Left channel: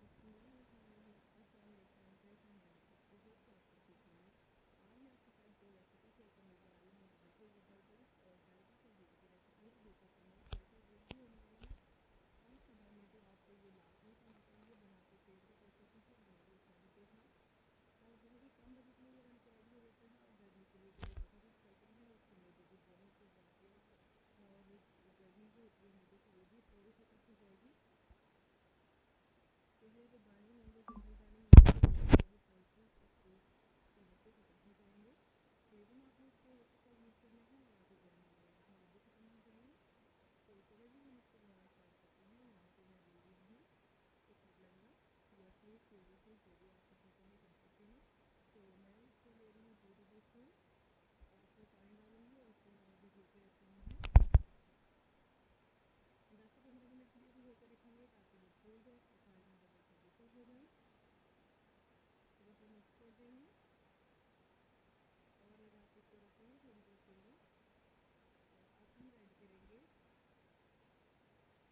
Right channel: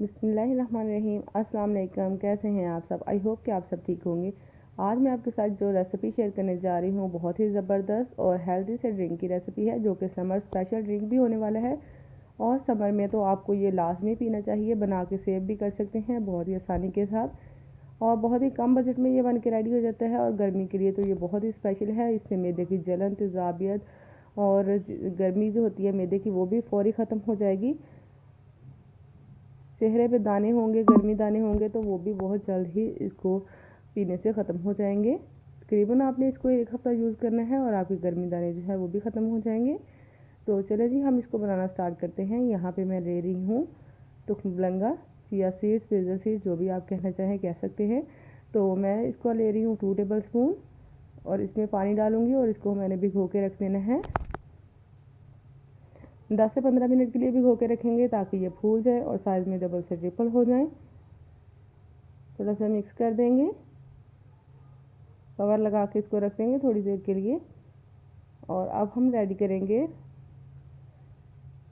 बिस्मिल्लाहिर्रहमानिर्रहीम। अस्सलाम वालेकुम। कैसे हैं आप सब? आई होप कि आप सब ठीक होंगे। आज मैं आपके साथ जो रेसिपी शेयर करने जा रही हूँ बहुत ही ज़बरदस्त और हेल्दी से ड्रिंक की रेसिपी है, जो कि समर स्पेशल ड्रिंक भी होने वाला है। और समर में तो आपको ये लाजमी पीना चाहिए। बना के सेव भी कर सकते हैं बहुत ही आसानी के साथ, और बहुत ही कम बजट में ये बन के रेडी हो जाता है। और गर्मी के लिए तो ये बहुत ही स्पेशल है। इससे मैदे की जलन, तेज़ाबियत और गर्मी जो होती है मैदे की, वो भी फौरी ख़त्म हो जाएगी। चेहरे पे दाने होंगे, गर्मी दाने होंगे, तो वो भी बहुत जल्द ही इसको पीने से ख़त्म हो जाएंगे। तकरीबन आपने इसको 1 हफ़्ता यूज़ करना है और आपके गर्मी दाने जो है वो भी ख़त्म हो जाएंगे। तो चले जी, हम इसको बनाना स्टार्ट करते हैं। यहाँ पे मैं ले रही हूँ तुखमलंगा, चिया सीड्स, पेजर सीड्स, जो भी आप कहना चाहें कह सकते हैं। तो मैं इसको ले रही हूँ 2 टेबल स्पून, और इसमें पानी डालूँगी और इसको मैंने भिगो के रख देना है। 10 से 15 मिनट के लिए भिगो के रखेंगे ताकि ये फूल जाए और साइज़ में डबल से ट्रिपल हो जाए। थोड़ा सा मिक्स कर देंगे, कवर लगा के इसको रख देंगे थोड़ी देर के लिए। और अब हम रेडी करेंगे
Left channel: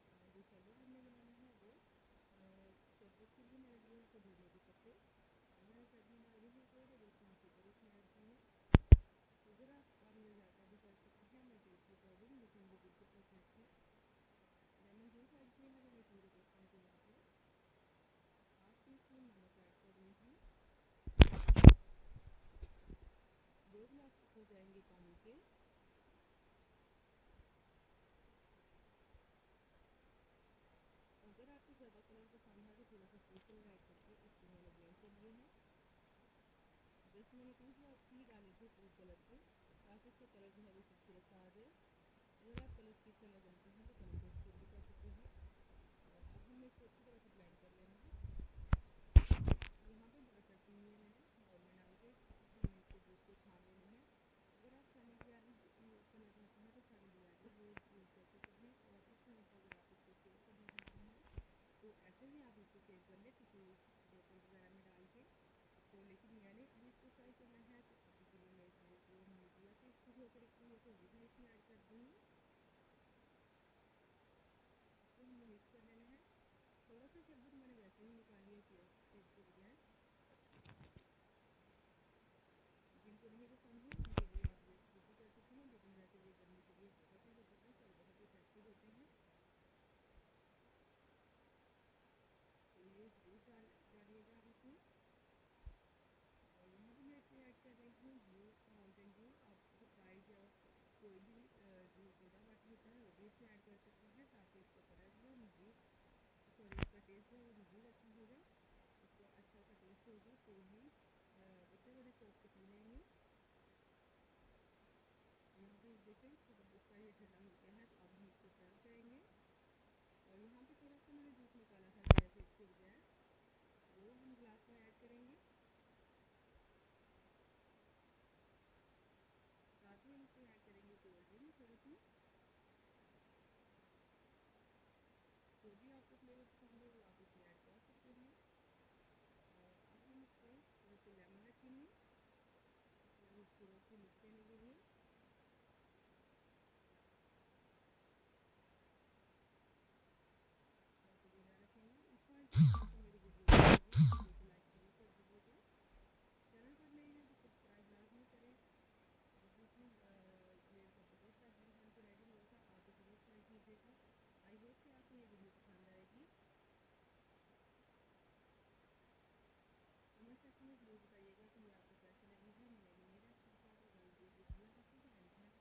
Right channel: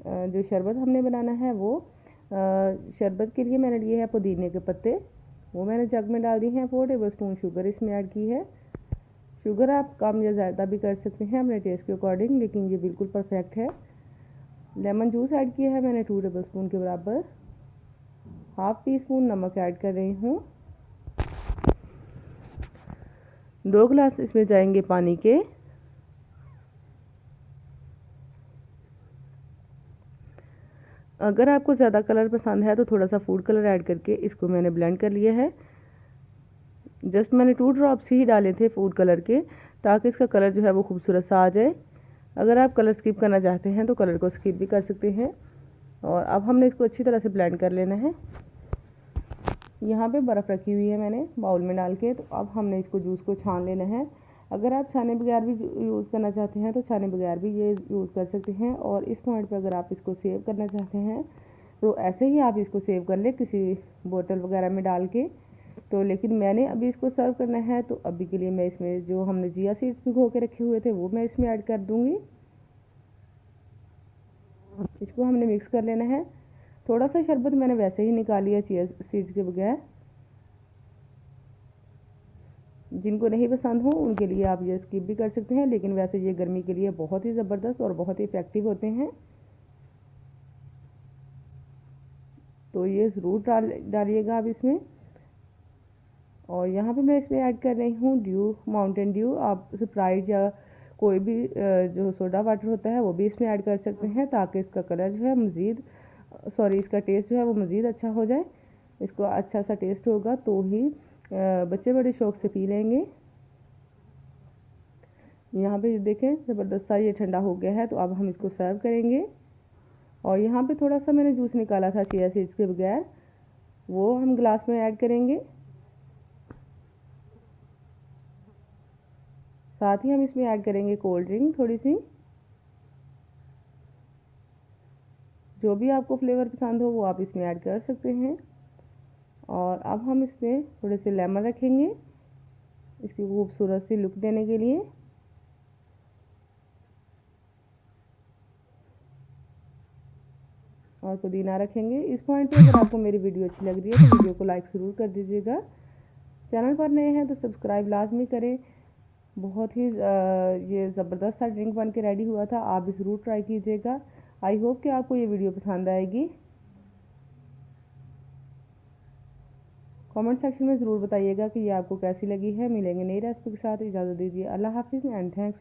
जो शरबत हमने बनाना है वो। शरबत के लिए मैंने लिए है पुदीने के पत्ते, वो मैंने जग में डाल दी हैं। 4 टेबल स्पून शुगर इसमें ऐड की है। शुगर आप कम या ज़्यादा भी कर सकते हैं अपने टेस्ट के अकॉर्डिंग, लेकिन ये बिल्कुल परफेक्ट है। लेमन जूस ऐड किया है मैंने 2 टेबल स्पून के बराबर। हाफ़ टी स्पून नमक ऐड कर रही हूँ। 2 गिलास इसमें जाएंगे पानी के। अगर आपको ज़्यादा कलर पसंद है तो थोड़ा सा फूड कलर ऐड करके इसको मैंने ब्लेंड कर लिया है। जस्ट मैंने 2 ड्रॉप्स ही डाले थे फूड कलर के, ताकि इसका कलर जो है वो खूबसूरत सा आ जाए। अगर आप कलर स्किप करना चाहते हैं तो कलर को स्किप भी कर सकते हैं। और अब हमने इसको अच्छी तरह से ब्लेंड कर लेना है। यहाँ पे बर्फ़ रखी हुई है मैंने बाउल में डाल के, तो अब हमने इसको जूस को छान लेना है। अगर आप छाने बगैर भी यूज़ करना चाहते हैं तो छाने बगैर भी ये यूज़ कर सकते हैं। और इस पॉइंट पर अगर आप इसको सेव करना चाहते हैं तो ऐसे ही आप इसको सेव कर ले किसी बोतल वगैरह में डाल के। तो लेकिन मैंने अभी इसको सर्व करना है, तो अभी के लिए मैं इसमें जो हमने चिया सीड्स भिगो के रखे हुए थे वो मैं इसमें ऐड कर दूँगी। इसको हमने मिक्स कर लेना है। थोड़ा सा शरबत मैंने वैसे ही निकाली है चिया सीड्स के बगैर। जिनको नहीं पसंद हो उनके लिए आप ये स्किप भी कर सकते हैं, लेकिन वैसे ये गर्मी के लिए बहुत ही ज़बरदस्त और बहुत ही इफ़ेक्टिव होते हैं। तो ये ज़रूर डालिएगा आप इसमें। और यहाँ पे मैं इसमें ऐड कर रही हूँ ड्यू, माउंटेन ड्यू। आप स्प्राइट या कोई भी जो सोडा वाटर होता है वो भी इसमें ऐड कर सकते हैं, ताकि इसका कलर जो है मज़ीद इसका टेस्ट जो है वो मज़ीद अच्छा हो जाए। इसको अच्छा सा टेस्ट होगा तो ही बच्चे बड़े शौक़ से पी लेंगे। यहाँ पे देखें ज़बरदस्त सा ये ठंडा हो गया है, तो अब हम इसको सर्व करेंगे। और यहाँ पे थोड़ा सा मैंने जूस निकाला था चिया सीड्स के बगैर, वो हम गिलास में ऐड करेंगे। साथ ही हम इसमें ऐड करेंगे कोल्ड ड्रिंक थोड़ी सी। जो भी आपको फ्लेवर पसंद हो वो आप इसमें ऐड कर सकते हैं। और अब हम इसमें थोड़े से लेमन रखेंगे इसकी खूबसूरत सी लुक देने के लिए। और पुदीना रखेंगे। इस पॉइंट पे अगर आपको मेरी वीडियो अच्छी लग रही है तो वीडियो को लाइक ज़रूर कर दीजिएगा। चैनल पर नए हैं तो सब्सक्राइब लाजमी करें। बहुत ही ये ज़बरदस्त सा ड्रिंक बन के रेडी हुआ था, आप भी ज़रूर ट्राई कीजिएगा। आई होप कि आपको ये वीडियो पसंद आएगी। कमेंट सेक्शन में ज़रूर बताइएगा कि ये आपको कैसी लगी है। मिलेंगे नई रेसिपी के साथ। इजाज़त दीजिए। अल्लाह हाफिज़ एंड थैंक्स।